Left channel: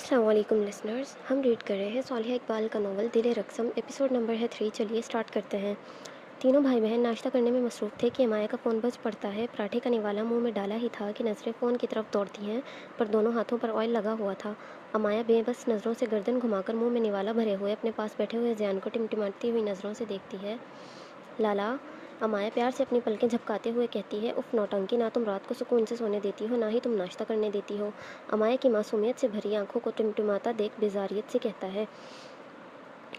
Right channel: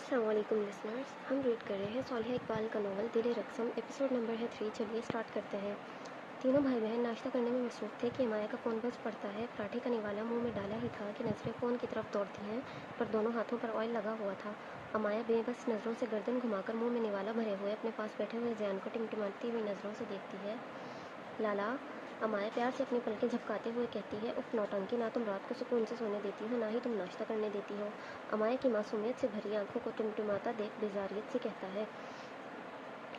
अस्सलाम वालेकुम लिसनर्स, हम रीड कर रहे हैं सौलिहा इकबाल का नावल दिल रक़्सम। एपिसोड नंबर है 3। चलिए स्टार्ट करते हैं। तीनों भाई बहन नाश्ता करने में मसरूफ़ थे कि अमाया का फ़ोन बज पड़ता है। पराठे का निवाला मुंह में डाला ही था कि नज़रें फ़ोन की तरफ दौड़ती हैं, पर दोनों हाथों पर ऑयल लगा हुआ था। अमाया बेबस नज़रों से गर्दन घुमाकर मुंह में निवाला भरे हुए अपने पास बैठे हुए ज़ियान को टिमटिमाती हुई नज़रों से देखती है। लाला, अमाया प्यार से अपनी पलकें झपकाते हुए कहती है, उफ़ नौटंकी, ना तुम रात को सुकून से सोने देती हो, ना ही तुम नाश्ता करने देती हो। अमाया की मासूमियत से भरी आंखों को टिमटिमाता देख बेजारियत से कहता है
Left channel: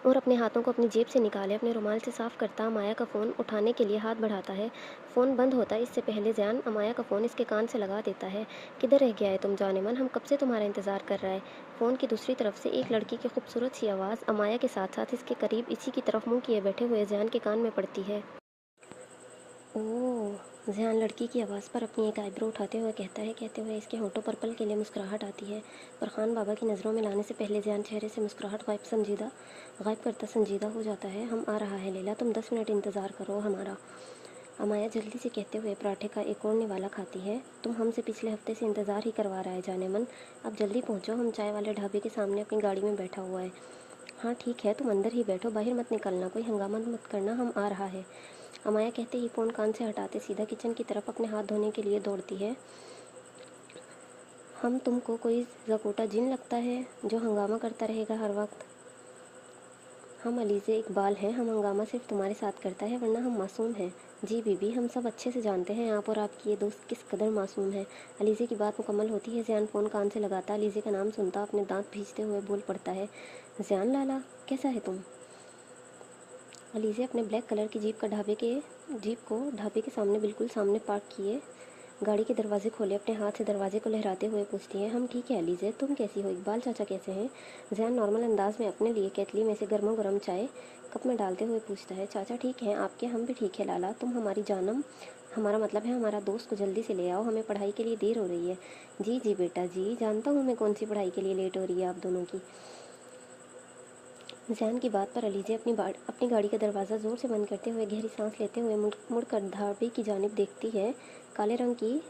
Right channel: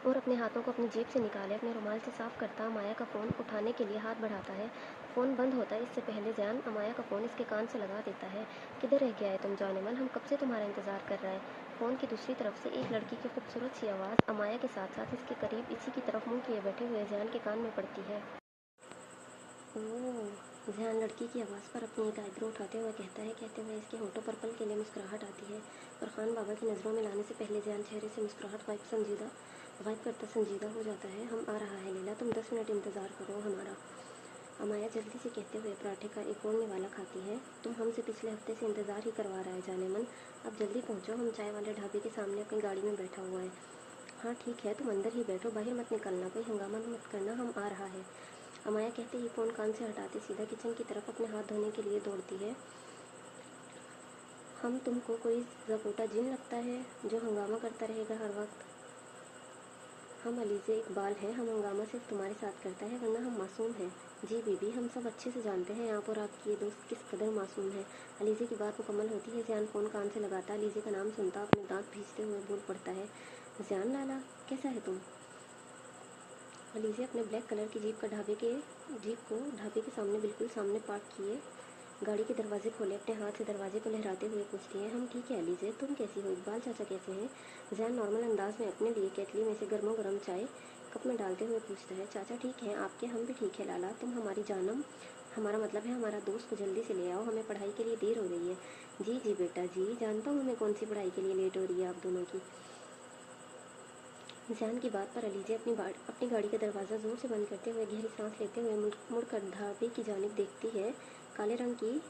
और अपने हाथों को अपनी जेब से निकाले अपने रुमाल से साफ़ करता अमाया का फ़ोन उठाने के लिए हाथ बढ़ाता है। फ़ोन बंद होता है इससे पहले ज़ियान अमाया का फ़ोन इसके कान से लगा देता है। किधर रह गया है तुम जाने मन, हम कब से तुम्हारा इंतज़ार कर रहा है। फ़ोन की दूसरी तरफ से एक लड़की की खूबसूरत सी आवाज़ अमाया के साथ साथ इसके करीब इसी की तरफ मुँह किए बैठे हुए ज़ियान के कान में पड़ती है। ओह, ज़ियान लड़की की आवाज़ पर अपनी एक आईब्रो उठाते हुए कहता है। कहते हुए इसके होठों पर पल के लिए मुस्कुराहट आती है, पर खान बाबा की नज़रों में लाने से पहले ज़ियान चेहरे से मुस्कुराहट गायब करता संजीदा हो जाता है। हम आ रहा है लैला, तुम 10 मिनट इंतज़ार करो हमारा। अमाया जल्दी से कहते हुए पराठे का एक और निवाला खाती है। तुम हमसे पिछले हफ्ते से इंतज़ार ही करवा रहा है जाने मन, अब जल्दी पहुँचो, हम चाय वाले ढाबे के सामने अपनी गाड़ी में बैठा हुआ है। हाँ ठीक है, तुम अंदर ही बैठो, बाहर मत निकलना, कोई हंगामा मत करना, हम आ रहा है। अमाया कहते ही फ़ोन कान से हटाते सीधा किचन की तरफ अपने हाथ धोने के लिए दौड़ती है। हम तुमको कोई ज़कोटा जिन लगता है जो हंगामा करता रहेगा हर वक्त। हम अलीज़े इकबाल हैं, हम हंगामा सिर्फ तुम्हारे साथ करता है, वरना हम मासूम हैं। जी बीबी, हम सब अच्छे से जानते हैं आप और आपकी ये दोस्त किस कदर मासूम है। अलीज़े की बात मुकम्मल होती है, ज़ियान फ़ोन कान से लगाता अलीज़े का नाम सुनता अपने दांत भींचते हुए बोल पड़ता है, ज़ियान लाला, कैसा है तुम। अलीज़े अपने ब्लैक कलर की जीप को ढाबे के सामने बिल्कुल सामने पार्क किए गाड़ी के दरवाजे खोले अपने हाथ से दरवाजे को लहराते हुए पूछती है, हम ठीक है अलीज़े, तुम कैसी हो, इकबाल चाचा कैसे हैं। ज़ियान नॉर्मल अंदाज में अपने लिए केतली में से गर्मा गर्म चाय कप में डालते हुए पूछता है, चाचा ठीक हैं आपके, हम भी ठीक है लाला, तुम हमारी जानम, हमारा मतलब है हमारा दोस्त को जल्दी से ले आओ, हमें पढ़ाई के लिए देर हो रही है। जी जी बेटा जी, जानता हूँ मैं कौन सी पढ़ाई के लिए लेट हो रही है आप दोनों की। ज़ियान की बात पर अलीज़े अपनी गाड़ी का दरवाज़ा ज़ोर से बंद करते हुए गहरी सांस लेते हुए मुड़कर ढाबे की जानिब देखती है। काले रंग की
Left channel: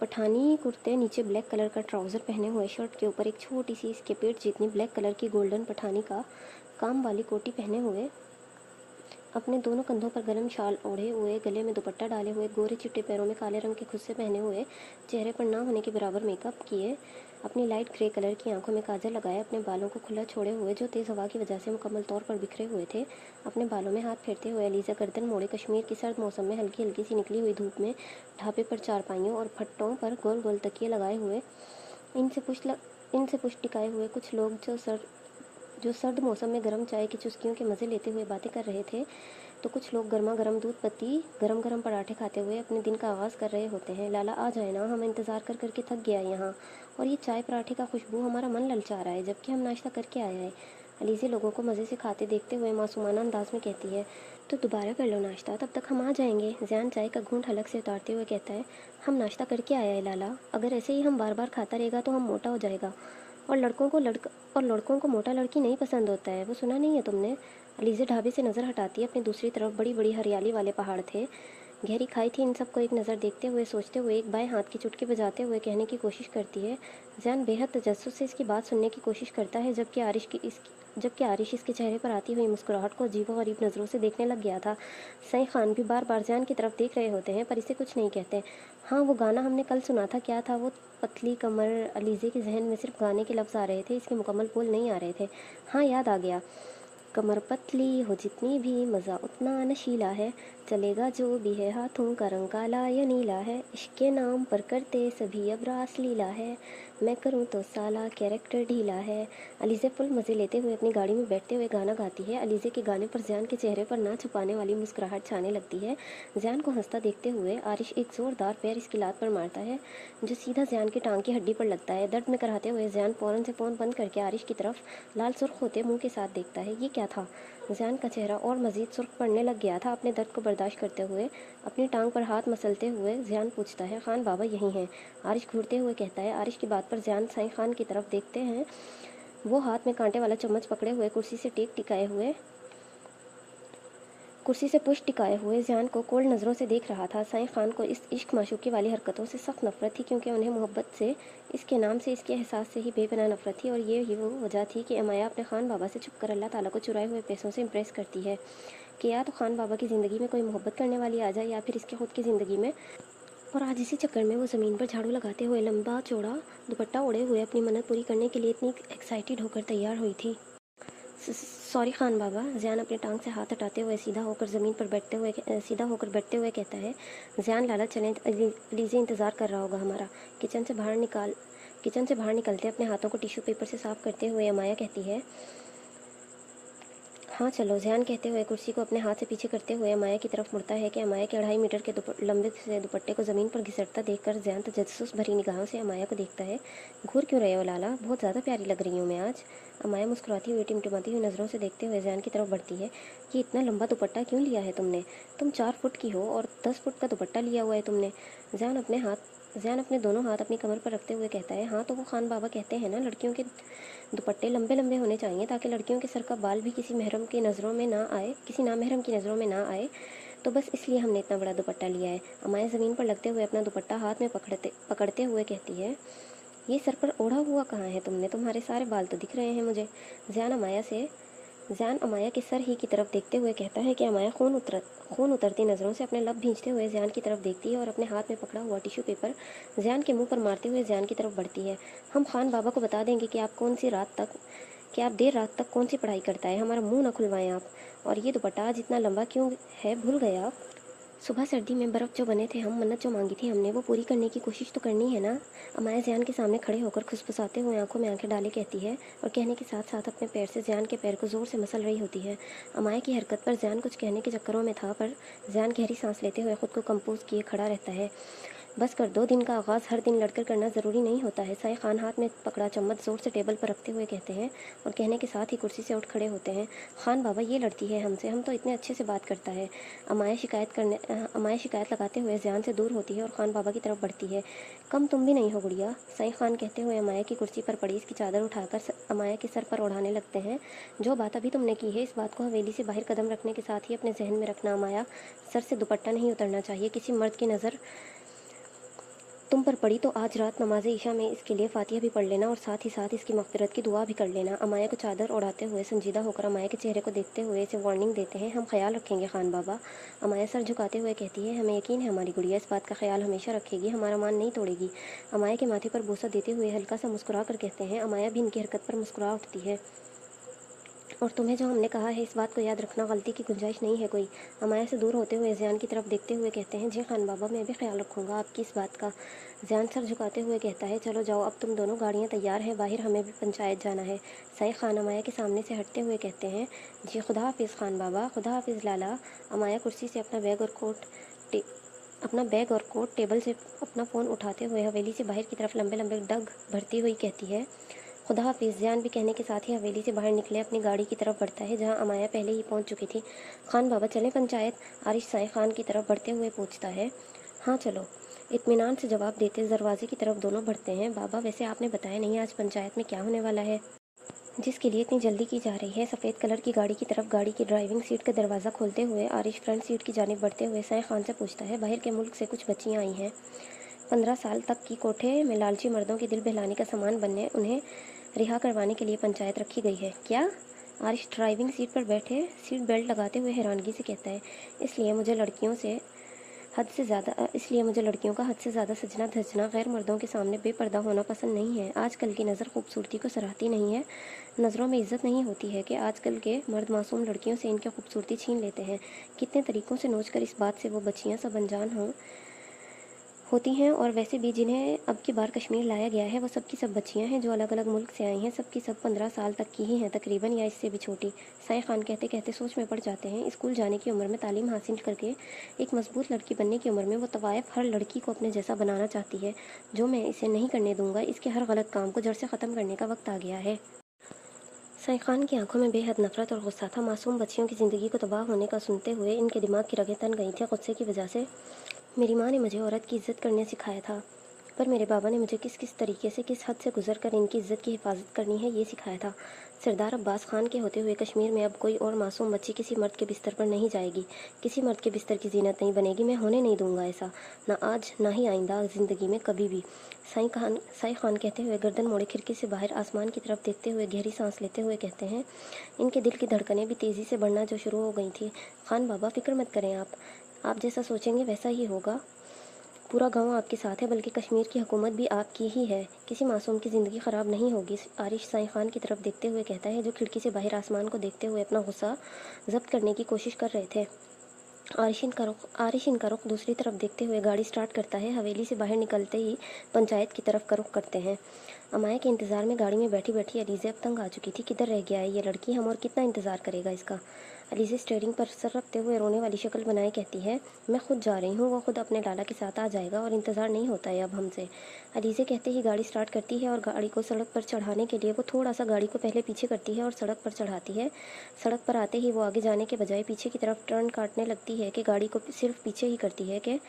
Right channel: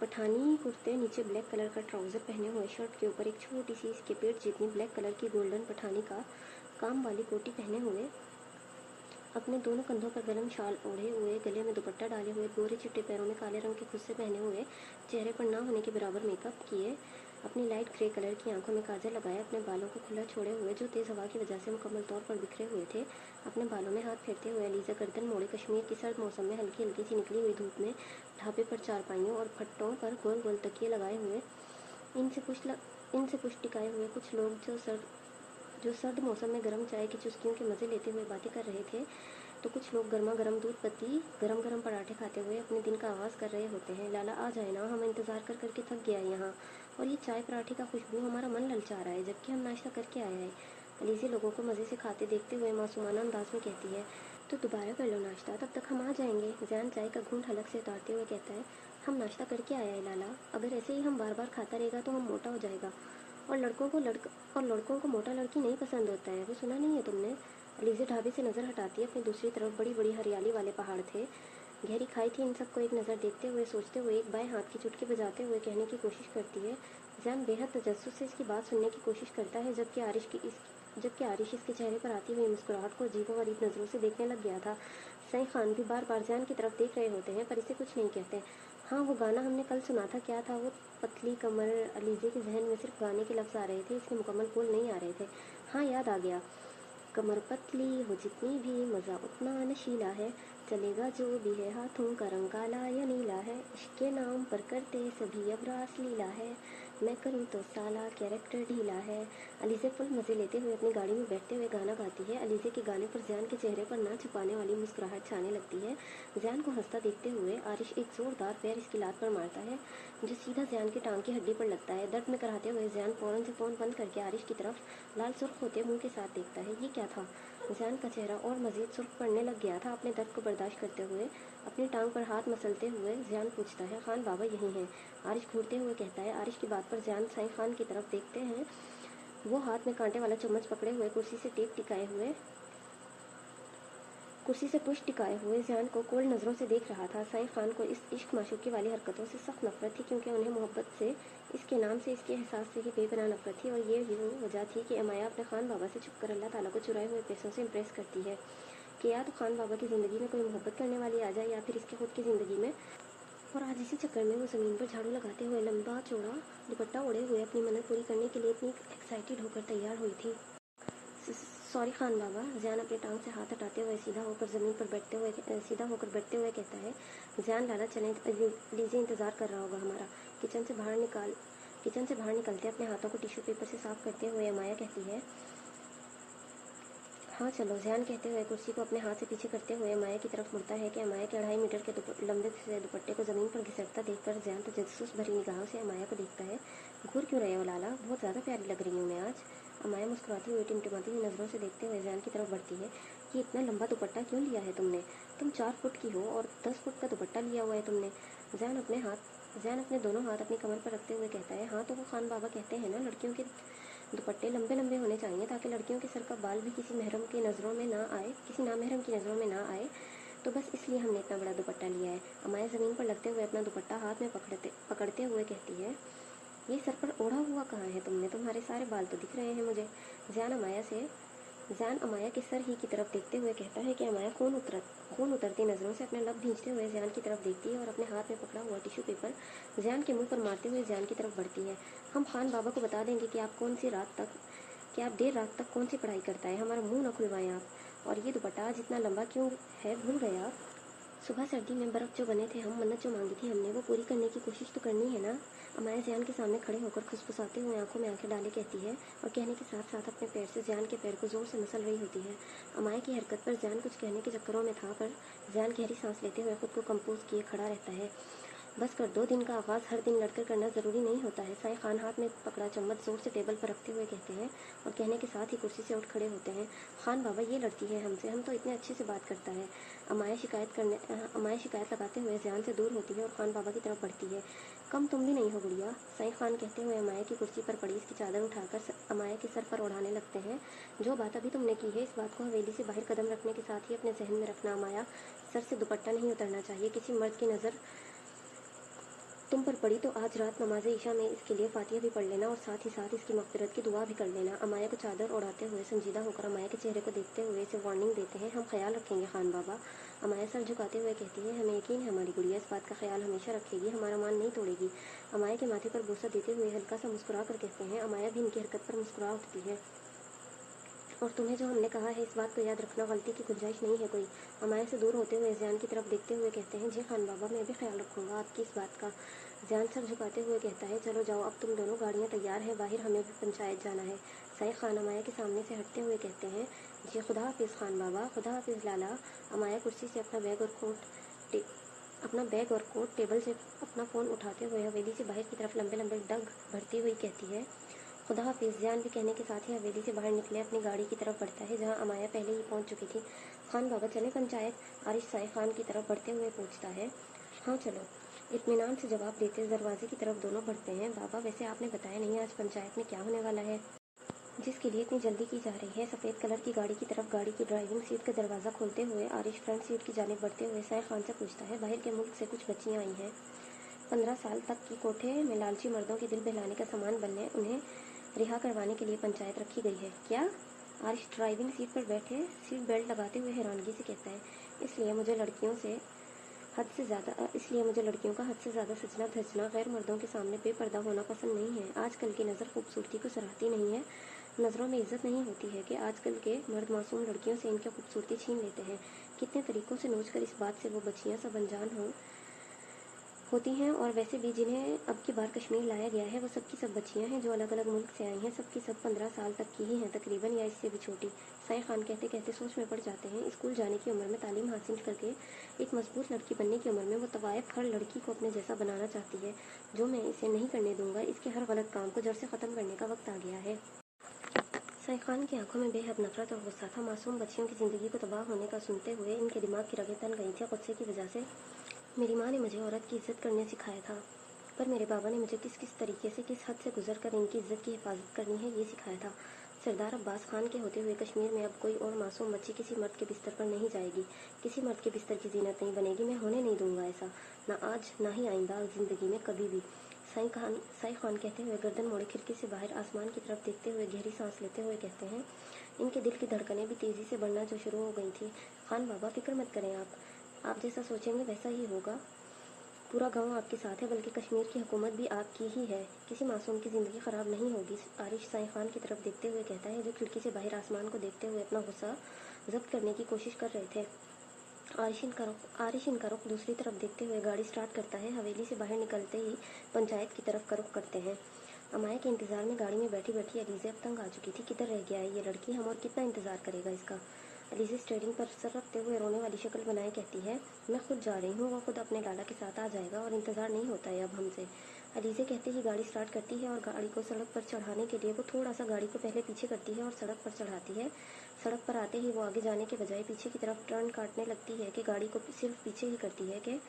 पठानी कुर्ते, नीचे ब्लैक कलर का ट्राउज़र पहने हुए, शर्ट के ऊपर एक छोटी सी इसके पेट जितनी ब्लैक कलर की गोल्डन पठानी का काम वाली कोटी पहने हुए, अपने दोनों कंधों पर गर्म शाल ओढ़े हुए, गले में दुपट्टा डाले हुए, गोरे चिट्टे पैरों में काले रंग के खुस्से पहने हुए, चेहरे पर ना होने के बराबर मेकअप किए, अपनी लाइट ग्रे कलर की आंखों में काजल लगाए, अपने बालों को खुला छोड़े हुए जो तेज़ हवा की वजह से मुकम्मल तौर पर बिखरे हुए थे, अपने बालों में हाथ फेरते हुए अलीज़ा गर्दन मोड़े कश्मीर की सर्द मौसम में हल्की हल्की सी निकली हुई धूप में ढाबे पर चारपाइयों और फट्टों पर गोल गोल तकिए लगाए हुए इनसे पुष्ट टिकाए हुए कुछ लोग जो सर्द मौसम में गर्म चाय की चुस्कियों के मज़े लेते हुए बातें कर रहे थे, तो कुछ लोग गर्मा गर्म दूध पत्ती गरम गरम पराठे खाते हुए अपने दिन का आगाज़ कर रहे होते हैं। लाला आ जाए ना, हम इंतज़ार कर करके थक गया है यहाँ, और ये चाय पराठे का खुशबू हमारा मन ललचा रहा है, जबकि हम नाश्ता करके आए हैं। अलीज़े लोगों को मज़े से खाते देखते हुए मासूमाना अंदाज में कहती है, तो दोबारा कर लो नाश्ता, तब तक हम आ जाएंगे। ज़ियान चाय का घूंट हलक से उतारते हुए कहता है, हम नाश्ता करके आया है लाला, अगर ऐसे ही हम बार बार खाता रहेगा तो हम मोटा हो जाएगा, और लड़कों को मोटा लड़की नहीं पसंद होता है, वो सुना नहीं है तुमने। अलीज़े ढाबे से नज़र हटाती है, अपनी दूसरी तरफ बड़ी बड़ी हरियाली वाले पहाड़ थे, गहरी खाई थी। इन सबको एक नज़र देखते हुए सोचते हुए एक बाएं हाथ की चुटकी बजाते हुए कहने की कोशिश करती है। ज़ियान बेहद तजस्सुस से इसकी बात सुनने की कोशिश करता है, जबकि आरिश इसके चेहरे पर आती हुई मुस्कुराहट को अजीबोगरीब नज़रों से देखने लग गया था। सई खान भी बार बार ज़ियान की तरफ देख रहे होते हैं, पर इसे कुछ नहीं कहते। हाँ, वो गाना हमने कल सुना था, क्या था वो, पतली कमर। अलीज़े के जहन में सिर्फ गाने के लफ्ज़ आ रहे थे, इसके मुकम्मल बोल नहीं आ रहे थे। हाँ, याद आ गया, कमर पतली हो जितनी भी मज़ा उतना नशीला है, चलेगा जो भी है, हाथों का रंग काला या नीला है, इश्क के नाम पर करते सभी अब रास लीला है, मैं करूँ तो साला कैरेक्टर ढीला है। अलीज़े फुल मज़े लेते हुए अपनी गाड़ी में बैठते हुए गाना गाती है। अलीज़े के गाने पर ज़ियान के चेहरे पर ना छुपाने वाली मुस्कुराहट छाने लगती है। ज़ियान को हंसता देखते हुए आरिश एक ज़ोरदार पैर इसकी लात पर मारता है, जो सीधा ज़ियान की टांग की हड्डी पर लगता है। दर्द में कराहते हुए ज़ियान फ़ौरन से फ़ोन बंद करके आरिश की तरफ लाल सुर्ख होते मुंह के साथ देखता है। ये क्या था। ज़ियान का चेहरा और मज़ीद सुर्ख पड़ने लग गया था। अपने दर्द को बर्दाश्त करते हुए अपनी टांग पर हाथ मसलते हुए ज़ियान पूछता है, खान बाबा यहीं हैं। आरिश घूरते हुए कहता है। आरिश की बात पर ज़ियान साईं खान की तरफ देखते हैं। वो हाथ में कांटे वाला चम्मच पकड़े हुए कुर्सी से टेक टिकाए हुए कुर्सी से पुश टिकाए हुए ज़ियान को कोल्ड नज़रों से देख रहा था। साइं खान को इस इश्क माशूक़ी वाली हरकतों से सख्त नफ़रत थी, क्योंकि उन्हें मोहब्बत से, इसके नाम से, इसके एहसास से ही बेपनाह नफ़रत थी। और ये ही वो वजह थी कि अमाया अपने खान बाबा से छुप कर अल्लाह ताला को चुराए हुए पैसों से इम्प्रेस करती है कि या तो खान बाबा की ज़िंदगी में कोई मोहब्बत करने वाली आ जाए, या फिर इसके खुद की ज़िंदगी में। और आज इसी चक्कर में वो ज़मीन पर झाड़ू लगाते हुए, लंबा चौड़ा दुपट्टा ओढ़े हुए, अपनी मन्नत पूरी करने के लिए इतनी एक्साइटेड होकर तैयार हुई थी। सॉरी खान बाबा, ज़ियान अपनी टांग से हाथ हटाते हुए सीधा होकर बैठते हुए कहता है। ज़ियान, लाला चलें, लीजिए, इंतज़ार कर रहा होगा हमारा। किचन से बाहर निकलते अपने हाथों को टिश्यू पेपर से साफ करते हुए अमाया कहती है। हाँ चलो, ज़ियान कहते हुए कुर्सी को अपने हाथ से पीछे करते हुए अमाया की तरफ मुड़ता है कि अमाया के 2.5 मीटर के लंबे से दुपट्टे को ज़मीन पर घिसटता देखकर ज़ियान तजस्सुस भरी निगाहों से अमाया को देखता है। घूर क्यों रहे हो लाला, बहुत ज़्यादा प्यारी लग रही हूँ मैं आज। अमाया मुस्कुराती हुई, टिमटिमाती हुई नज़रों से देखते हुए ज़ियान की तरफ बढ़ती है। ये इतना लंबा दुपट्टा क्यों लिया है तुमने? तुम 4 फुट की हो और 10 फुट का दुपट्टा लिया हुआ है तुमने। ज़ियान अपने दोनों हाथ अपनी कमर पर रखते हुए कहता है। हाँ तो वो खान बाबा कहते हैं ना, लड़कियों के दुपट्टे लंबे लंबे होने चाहिए ताकि लड़कियों के सर का बाल भी किसी नामहरम की नज़रों में ना आए। तो बस इसलिए हमने इतना बड़ा दुपट्टा लिया है। अमाया ज़मीन पर लगते हुए अपना दुपट्टा हाथ में पकड़ते हुए कहती है। ये सर पर ओढ़ा हुआ कहाँ है तुमने? तुम्हारे सारे बाल तो दिख रहे हैं मुझे। ज़ियान अमाया के सर ही की तरफ देखते हुए कहता है कि अमाया खून उतरती नज़रों से अपने लब भींचते हुए ज़ियान की तरफ देखती है और अपने हाथ में पकड़ा हुआ टिश्यू पेपर ज़ियान के मुंह पर मारते हुए ज़ियान की तरफ बढ़ती है। हम खान बाबा को बता देंगे कि आप देर रात तक कौन सी पढ़ाई करता है। हमारा मुंह न खुलवाएं आप। और ये दुपट्टा आज इतना लंबा क्यों है, भूल गए आप? सुबह सर्दी में बर्फ़ जो बने थे हम, मन्नत जो मांगी थी हमने, वो पूरी करने की कोशिश तो करनी है ना। अमाया ज़ियान के सामने खड़े होकर खुसफुसाते हुए आंखों में आंखें डाले कहती है, और कहने के साथ साथ अपने पैर से ज़ियान के पैर को ज़ोर से मसल रही होती है। अमाया की हरकत पर ज़ियान कुछ कहने के चक्करों में था, पर ज़ियान गहरी सांस लेते हुए खुद को कंपोज किए खड़ा रहता है। बस कर दो, दिन का आगाज़ हर दिन लड़कर करना ज़रूरी नहीं होता है। साईं खान हाथ में पकड़ा चम्मच ज़ोर से टेबल पर रखते हुए कहते हैं, और कहने के साथ ही कुर्सी से उठ खड़े होते हैं। खान बाबा, ये लड़ती है हमसे, हम तो इतने अच्छे से बात करता है। अमाया शिकायत लगाते हुए ज़ियान से दूर होती है और खान बाबा की तरफ बढ़ती है। कम तुम भी नहीं हो गुड़िया, साईं खान कहते हुए अमाया की कुर्सी पर पड़ी इसकी चादर उठाकर अमाया के सर पर ओढ़ाने लगते हैं। जो बात अभी तुमने की है, इस बात को हवेली से बाहर कदम रखने के साथ ही अपने जहन में रखना अमाया। सर से दुपट्टा नहीं उतरना चाहिए। किसी मर्द की नज़र तुम पर पड़ी तो आज रात नमाज़े ईशा में इसके लिए फातिहा भी पढ़ लेना, और साथ ही साथ इसकी मग़फ़िरत की दुआ भी कर लेना। अमाया को चादर ओढ़ाते हुए संजीदा होकर अमाया के चेहरे को देखते हुए इसे वार्निंग देते हैं। हम ख्याल रखेंगे खान बाबा। अमाया सर झुकाते हुए कहती है, हमें यकीन है हमारी गुड़िया इस बात का ख्याल हमेशा रखेगी, हमारा मान नहीं तोड़ेगी। अमाया के माथे पर बोसा देते हुए हल्का सा मुस्कुरा कर कहते हैं। अमाया भी इनकी हरकत पर मुस्कुरा उठती है। और तुम्हें जो हमने कहा है, इस बात को याद रखना, गलती की गुंजाइश नहीं है कोई। अमाया से दूर होते हुए ज़ियान की तरफ देखते हुए कहते हैं, जी खान बाबा, मैं भी ख्याल रखूँगा आपकी इस बात का। ज़ियान सर झुकाते हुए कहता है, चलो जाओ, अब तुम दोनों गाड़ियाँ तैयार हैं, बाहर हमें भी पंचायत जाना है। साईं खान अमाया के सामने से हटते हुए कहते हैं, जी खुदा हाफिज़ खान बाबा, खुदा हाफिज़ लाला। अमाया कुर्सी से अपना बैग और कोट टेबल से अपना फ़ोन उठाते हुए हवेली से बाहर की तरफ लंबे लंबे डग भरती हुई कहती है, खुदा हाफिज़। ज़ियान भी कहने के साथ ही हवेली से बाहर निकले अपनी गाड़ी की तरफ बढ़ता है, जहां अमाया पहले ही पहुंच चुकी थी। खान बाबा चलें पंचायत? आरिश साईं खान की तरफ बढ़ते हुए पूछता है। हाँ चलो, इत्मीनान से जवाब देते दरवाजे की तरफ दोनों बढ़ते हैं। बाबा, वैसे आपने बताया नहीं आज पंचायत में क्या होने वाला है, जिसके लिए इतनी जल्दी की जा रही है? सफ़ेद कलर की गाड़ी की तरफ गाड़ी की ड्राइविंग सीट का दरवाज़ा खोलते हुए आरिश फ्रंट सीट की जानिब बढ़ते हुए साईं खान से पूछता है, बाहर के मुल्क से कुछ बच्चियाँ आई हैं, 15 साल तक की, कोठे में लालची मर्दों के दिल बहलाने का सामान बनने, उन्हें रिहा करवाने के लिए पंचायत रखी गई है। क्या? आरिश ड्राइविंग सीट पर बैठे सीट बेल्ट लगाते हुए हैरानगी से कहता है, इसलिए मुझे लड़कियों का हद से ज़्यादा सजना धजना, गैर मर्दों के सामने बेपर्दा होना पसंद नहीं है। आजकल की नज़र खूबसूरती को सराहती नहीं है, नज़रों में इज्जत नहीं होती है कि आजकल के मर्द मासूम लड़कियों से इनकी खूबसूरती छीन लेते हैं। कितने तरीक़ों से नोच कर इस बात से वो बच्चियाँ सब अनजान होती हैं। और वैसे भी जिन्हें अब की बार कश्मीर लाया गया है, वो सब की सब बच्चियां हैं जो अलग अलग मुल्क से आई हैं, सब की सब 15 साल तक की ही हैं तकरीबन, या इससे भी छोटी। साईं खान कहते कहते सोच में पड़ जाते हैं। स्कूल जाने की उम्र में, तालीम हासिल करके एक मजबूत लड़की बनने की उम्र में वो तवायफ हर लड़की को अपने जैसा बनाना चाहती है, जो मैं इसे नहीं करने दूंगा। इसके हर गलत काम को जड़ से ख़त्म करने का वक्त आ गया है। साईं खान की आंखों में बेहद नफरत और गुस्सा था। मासूम बच्चियों की ज़िंदगी को तबाह होने का सुनते हुए इनके दिमाग की रगें तन गई थी गुस्से की वजह से। मेरी माँ ने मुझे औरत की इज़्ज़त करने सिखाया था, पर मेरे बाबा ने मुझे किस किस तरीके से, किस हद से गुजर कर इनकी इज़्ज़त की हिफाजत करनी है, ये सिखाया था। सरदार अब्बास खान के होते हुए कश्मीर में अब कोई और मासूम बच्ची किसी मर्द के बिस्तर पर नहीं जाएगी, किसी मर्द के बिस्तर की जीनत नहीं बनेगी। मैं होने नहीं दूंगा ऐसा, ना आज ना ही आइंदा ज़िंदगी में कभी भी। साई खान कहते हुए गर्दन मोड़े खिड़की से बाहर आसमान की तरफ देखते हुए गहरी सांस लेते हुए कहते हैं। इनके दिल की धड़कनें भी तेज़ी से बढ़ना जो शुरू हो गई थी। खान बाबा, फिक्र मत करें आप जैसा सोचेंगे वैसा ही होगा। पूरा गांव आपके साथ है, बल्कि कश्मीर की हुकूमत भी आपकी ही है। किसी मासूम की ज़िंदगी ख़राब नहीं होगी। आरिश साई खान की तरफ देखते हुए कहता है, जो खिड़की से बाहर आसमान को देखते हुए अपना गुस्सा जब्त करने की कोशिश कर रहे थे। आरिश इनका रुख दूसरी तरफ देखते हुए गाड़ी स्टार्ट करता है। हवेली से बाहर निकलते ही पंचायत की तरफ का रुख करते हैं। अमाया के इंतज़ार में गाड़ी में बैठी बैठी अलीज़े अब तंग आ चुकी थी। किधर रह गया है ये लड़की, हम और कितना इंतज़ार करेगा इसका। अलीज़े स्टीयरिंग पर सर रखते हुए रोने वाली शक्ल बनाए कहती है, मैं खुद जा रही हूँ, वो खुद अपने लाला के साथ आ जाएगा और इंतज़ार नहीं होता है अब हमसे। अलीज़े कहते ही गाड़ी स्टार्ट करती है और गाड़ी को सड़क पर चढ़ाने के लिए वो थोड़ा सा गाड़ी को पहले पीछे करती है और सड़क पर चढ़ाती है। सड़क पर आते ही वो आगे जाने के बजाय पीछे की तरफ टर्न काटने लगती है कि गाड़ी को सिर्फ पीछे ही करती है कि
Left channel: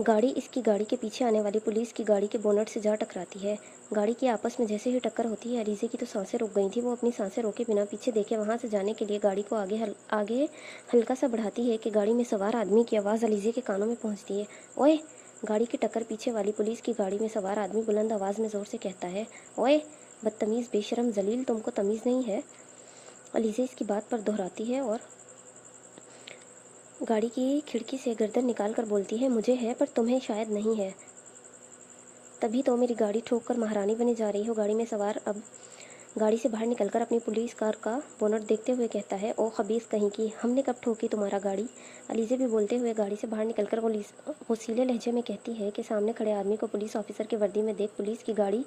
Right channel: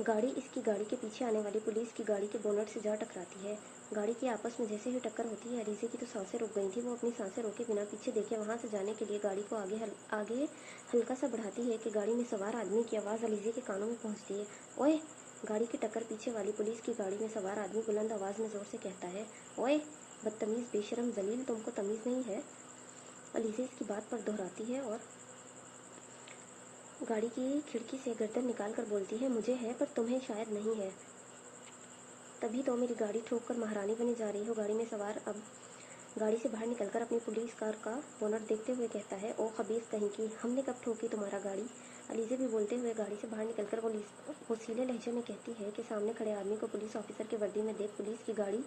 गाड़ी इसकी गाड़ी के पीछे आने वाली पुलिस की गाड़ी के बोनट से जा टकराती है। गाड़ी की आपस में जैसे ही टक्कर होती है, अलीज़े की तो सांसें रुक गई थी। वो अपनी सांसें रोके बिना पीछे देखे वहाँ से जाने के लिए गाड़ी को आगे हल्का सा बढ़ाती है कि गाड़ी में सवार आदमी की आवाज़ अलीज़े के कानों में पहुँचती है। ओए! गाड़ी की टक्कर पीछे वाली पुलिस की गाड़ी में सवार आदमी बुलंद आवाज़ में ज़ोर से कहता है, ओए बदतमीज़, बेशरम, जलील, तुमको तमीज़ नहीं है। अलीज़े इसकी बात पर दोहराती है और गाड़ी की खिड़की से गर्दन निकाल कर बोलती है, मुझे है पर तुम्हें शायद नहीं है। तभी तो मेरी गाड़ी ठोक कर महारानी बने जा रही हो। गाड़ी में सवार अब गाड़ी से बाहर निकलकर अपनी पुलिस कार का बोनट देखते हुए कहता है, ओ खबीस कहीं की, हमने कब ठोकी तुम्हारा गाड़ी। अलीज़े भी बोलते हुए गाड़ी से बाहर निकलकर वो सीले लहजे में कहती है कि सामने खड़े आदमी को पुलिस ऑफिसर की वर्दी में देख पुलिस की गाड़ी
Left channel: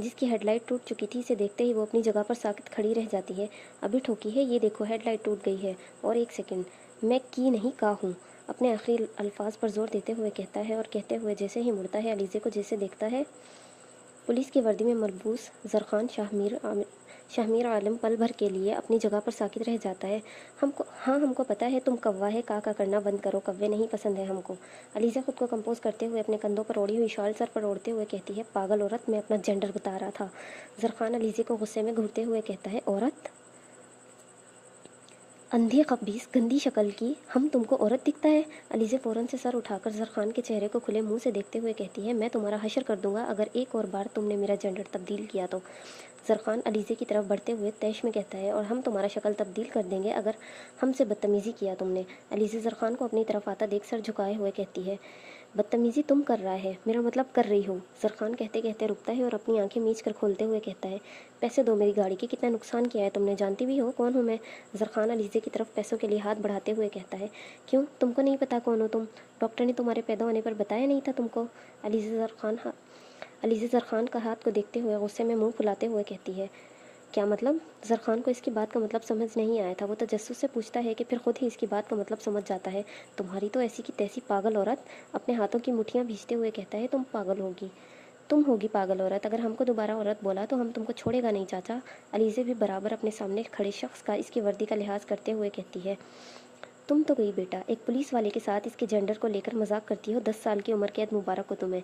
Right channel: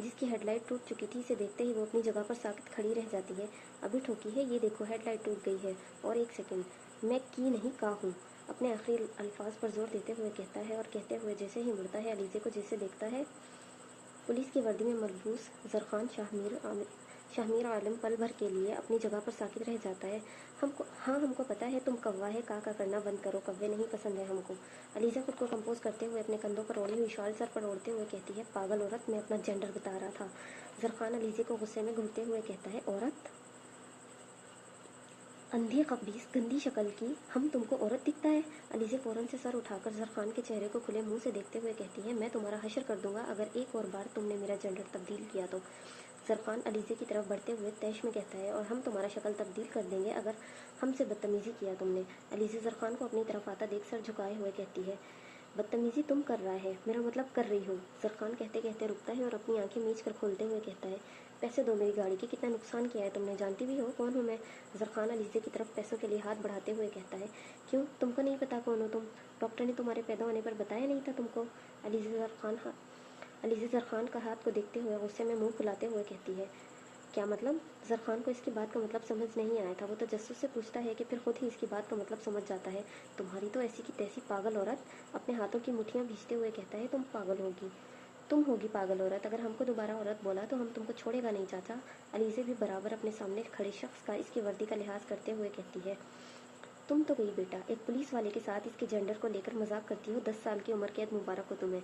जिसकी हेडलाइट टूट चुकी थी इसे देखते ही वो अपनी जगह पर साकित खड़ी रह जाती है। अभी ठोकी है, ये देखो हेडलाइट टूट गई है। और एक सेकेंड, मैं की नहीं का हूँ, अपने आखिरी अल्फाज पर जोर देते हुए कहता है और कहते हुए जैसे ही मुड़ता है अलीज़े को जैसे देखता है। पुलिस की वर्दी में मलबूस जरखान शाहमीर आलम पल भर के लिए अपनी जगह पर साकित रह जाता है। हमको पता है तुम कौवा है, का करना बंद करो, कौवे नहीं पसंद है हमको। अलीज़ा खुद को कंपोज करते हुए अपने कंधों पर ओढ़ी हुई शॉल सर पर ओढ़ते हुए कहती है, पागल औरत, मैं अपना जेंडर बता रहा था। जरखान अलीज़े को गुस्से में घूरते हुए कहता है, औरत, अंधी खबीस, गंदी शक्ल की, हम तुमको औरत दिखता है। अलीज़े फ़ौरन से सर उठाकर जरखान के चेहरे को खुले मुंह से देखते हुए कहती है, मैं तुम्हारा हशर कर दूंगा अगर एक और बार तुमने मेरा जेंडर तब्दील किया तो। जरखान अलीज़े की तरफ बढ़ते हुए तैश में कहता है, और हम तुम्हारा शक्ल तब्दील कर देंगे अगर हमसे बदतमीज़ी किया तुमने। अलीज़े जरखान को अपनी तरफ आता देख सर झुकाए हुए कहती है, बदतमीज़ी तुम कर रहा है, मेरा मतलब कर रही हूँ। जरखान कहते कहते रुकता है और अपनी आंखें मीच कर खोलते हुए कहता है, पैसे दो मेरी गाड़ी के, कितना नुकसान किया है तुमने, जानती भी हो कौन हूँ मैं। जरखान अलीज़े की तरफ पैसों के लिए हाथ बढ़ाते हुए कहता है, क्यों, तुमको नहीं पता कौन हो तुम? डॉक्टर ने तुम्हारे पैदा होने पर बताया नहीं था तुमको? अलीज़े जरखान का हाथ को देखते हुए गुस्से में मुंह फुलाते हुए कहती है, क्या मतलब? जरखान को इसकी बात का मतलब समझ नहीं आया था। वो तजस्सुस से पूछता है कि फिर खुद ही इसकी बात का मतलब समझ जाता है। तुम्हारी तो ऐसी की तैसी पागल औरत। अपने हाथों की मुठ्ठियाँ भींचते हुए कहता है, तुम होगी पागल औरत। अगर हमको दोबारा औरत बोला तो हम तुमको छोड़ेगा नहीं चाचा। अलीज़े भी बराबर अपने सामने खड़े शख्स का इसकी वर्दी का लिहाज करते हुए कहती है, तुम तो गई बेटा, एक पुलिस वाले के साथ इसके जेंडर को लेकर मजाक करती हो। 10 साल की उम्र कैद मुबारक हो तुम्हें।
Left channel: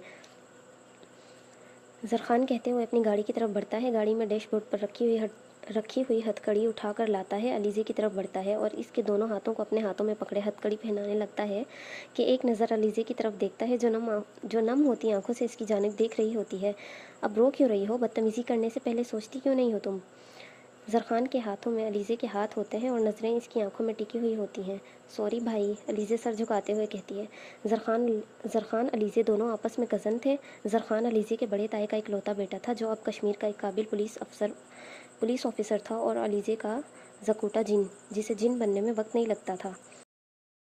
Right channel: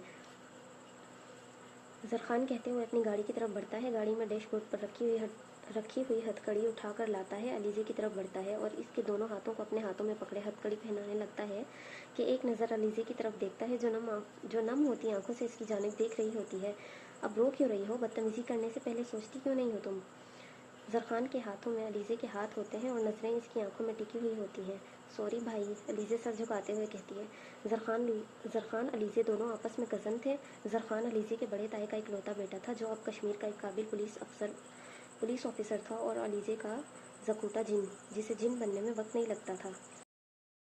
जरखान कहते हुए अपनी गाड़ी की तरफ बढ़ता है। गाड़ी में डैशबोर्ड पर रखी हुई हथकड़ी उठाकर लाता है, अलीज़े की तरफ बढ़ता है और इसके दोनों हाथों को अपने हाथों में पकड़े हथकड़ी पहनाने लगता है कि एक नज़र अलीज़े की तरफ देखता है जो नम होती आंखों से इसकी जानिब देख रही होती है। अब रो क्यों रही हो? बदतमीज़ी करने से पहले सोचती क्यों नहीं हो तुम? जरखान के हाथों में अलीज़े के हाथ होते हैं और नज़रें इसकी आंखों में टिकी हुई होती हैं। सॉरी भाई, अलीज़े सर झुकाते हुए कहती है। जरखान अलीज़े दोनों आपस में कज़न थे। जरखान अलीज़े के बड़े ताए का इकलौता बेटा था जो अब कश्मीर का एक काबिल पुलिस ऑफिसर था और अलीज़े का जकूटा जिन, जिसे जिन बनने में वक्त नहीं लगता था।